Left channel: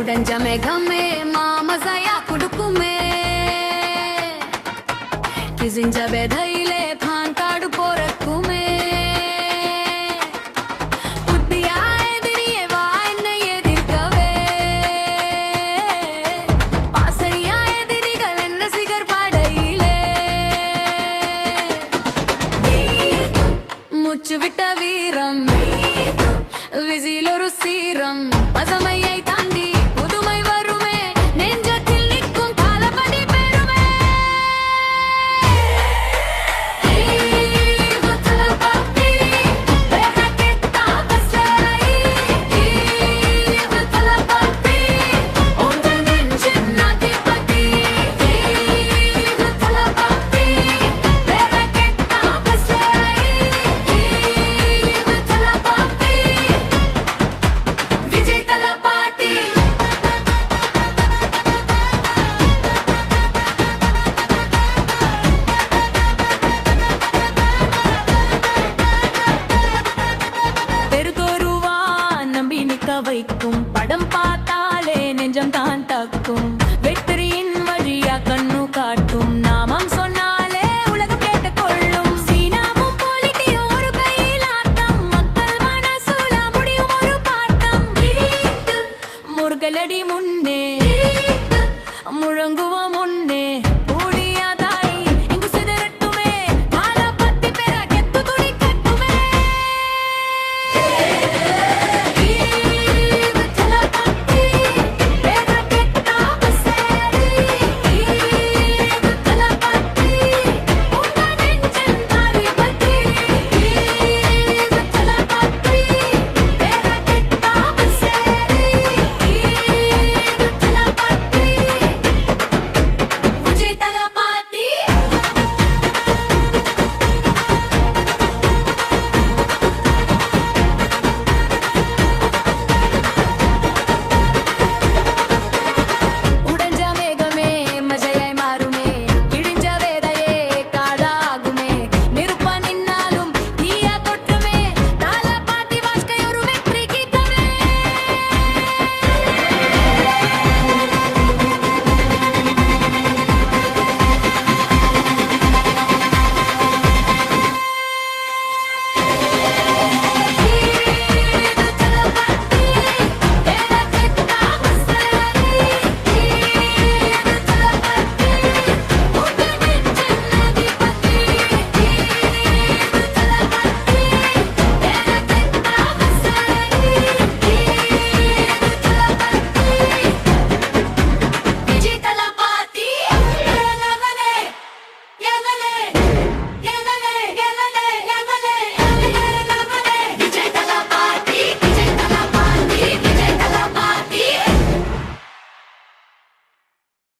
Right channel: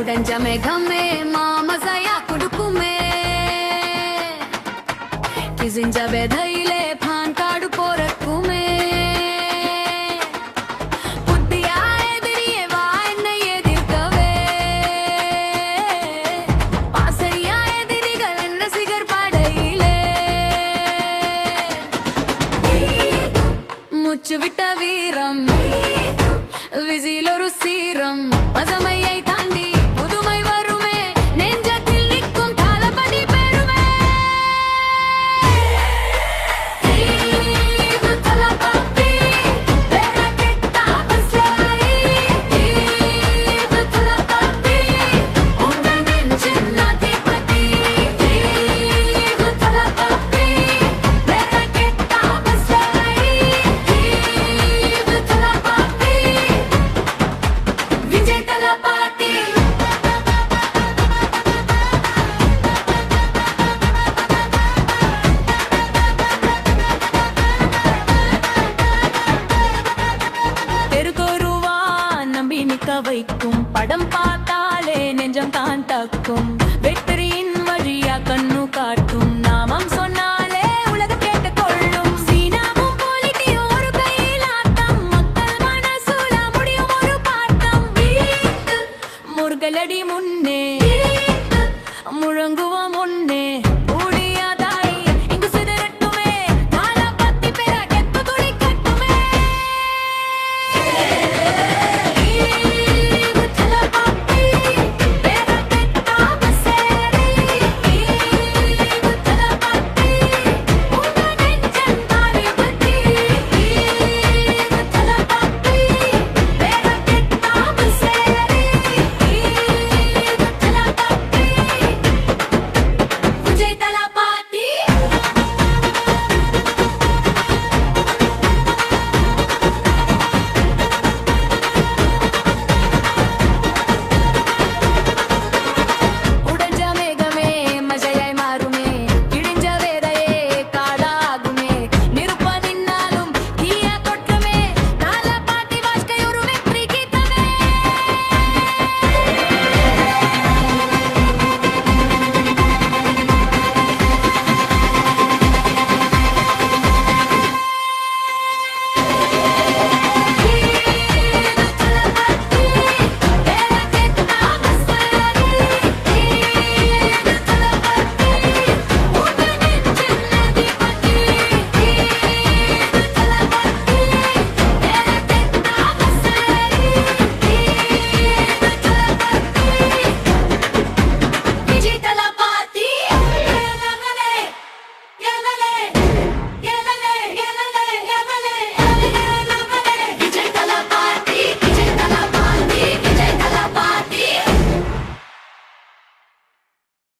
உடஞ்ச மேகமே மாமசையா குடுக்குமே கிசிஞ்ச வெதையிலே பான் காடு போறக்குமே புத்தியா எதிரியே வா என்னை எதிர்க்கவே பாசையா எதிரிகள் என்ன சிகர் படையிலே முச்சு விட்ட வீரம் விசில் ஒரு சீரம் பசமையை தாண்டி புதுமை வருமே நெஞ்சத்தில் நிற்கும் காலப்படி பெருமே வைக்கும் படம் பார்த்தாலே நெஞ்சம் தான் தக்கும் வெற்றியின் வழியா கண்ணு காட்டும் நாமம் சொன்னால்